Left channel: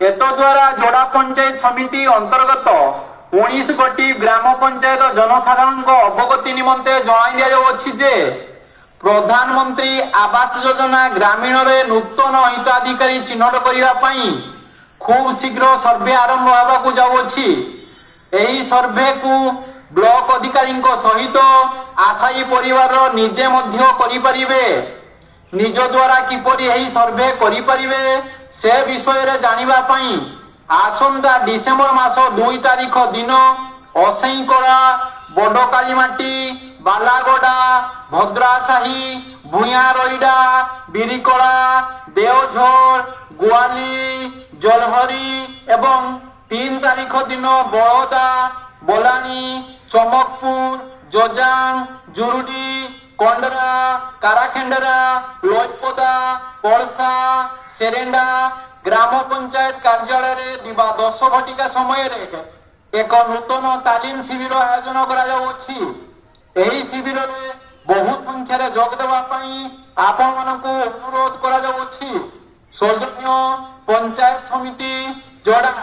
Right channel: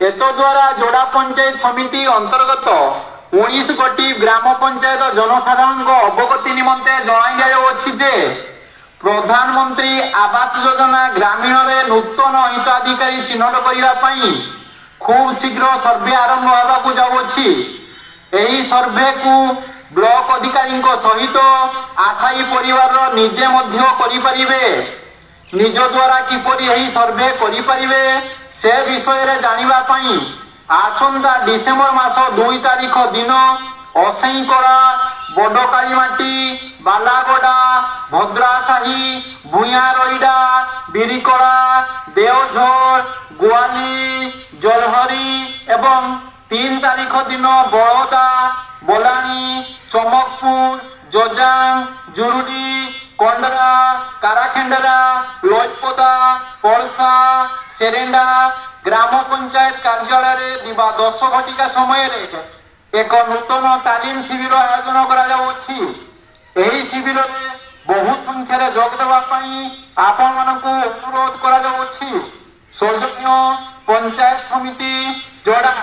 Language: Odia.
ଏତଦ୍ୱାରା ଯୋଡ଼ା ପଞ୍ଚାୟତ ସମିତି ଅନ୍ତର୍ଗତ 19 ଗୋଟି ଗ୍ରାମ ପଞ୍ଚାୟତ ଜନସାଧାରଣଙ୍କ ଅବଗତି ନିମନ୍ତେ ଜଣାଇ ଦିଆଯାଉଅଛି ଯେ ପ୍ରଧାନମନ୍ତ୍ରୀ ଆବାସ ଯୋଜନା ଗ୍ରାମୀଣରେ ନୂତନ ହିତାଧିକାରୀ ଚିହ୍ନଟ କରିବା ପାଇଁ ଖୁବ୍ ଶୀଘ୍ର ସର୍ଭେ ଆରମ୍ଭ ହେବାକୁ ଯାଉଅଛି। ଏହି ସର୍ଭେକୁ ବ୍ଲକ ଅଧିକାରୀଙ୍କ ସହିତ ଆଶାୟୀ ପରିବାର ନିଜେ ମଧ୍ୟ କରିପାରିବେ। ନିଜ ଦ୍ୱାରା କିପରି ଏହି ସର୍ଭେ କରିପାରିବେ ସେ ବିଷୟରେ ଜାଣିବା ପାଇଁ ଆସନ୍ତା ଡିସେମ୍ବର ମାସ 2 ତାରିଖ ଦିନ ଅସେଇଁକଳା, ବଡ଼କାଳିମାଟି, ବାଲାଗଡ଼ା, ଭଦ୍ରାସାହି, ଭୂୟାଁରଇଡ଼ା, ବିରିକଳା, ଦେଓଝର, ଗୋଆଲି, ଜଲହରି ଏବଂ 3 ତାରିଖ ଦିନ ବଳଦା, ବଲାଣି, ଚମକପୁର, ଜଜାଙ୍ଗ, ଜୁରୁଡି, କଣ୍ଡରା, କାରାଖେଣ୍ଡରା, ଲୋଜପଦା, ପଳସା, ସେରେଣ୍ଡା ଗ୍ରାମ ପଞ୍ଚାୟତ କାର୍ଯ୍ୟାଳୟରେ ଦିବା 10 ଘଟିକା ସମୟରେ ଏକ ନୂତନ ତାଲିମ ଶିବିର ଆୟୋଜନ କରାଯାଉଅଛି। ଏହି ଶିବିରରେ ବହୁ ସଂଖ୍ୟାରେ ଯୋଗ ଦେବା ପାଇଁ ଆପଣମାନଙ୍କୁ ଅନୁରୋଧ କରାଯାଉଅଛି। ସୌଜନ୍ୟ ପଞ୍ଚାୟତ ସମିତି ଯୋଡ଼ା।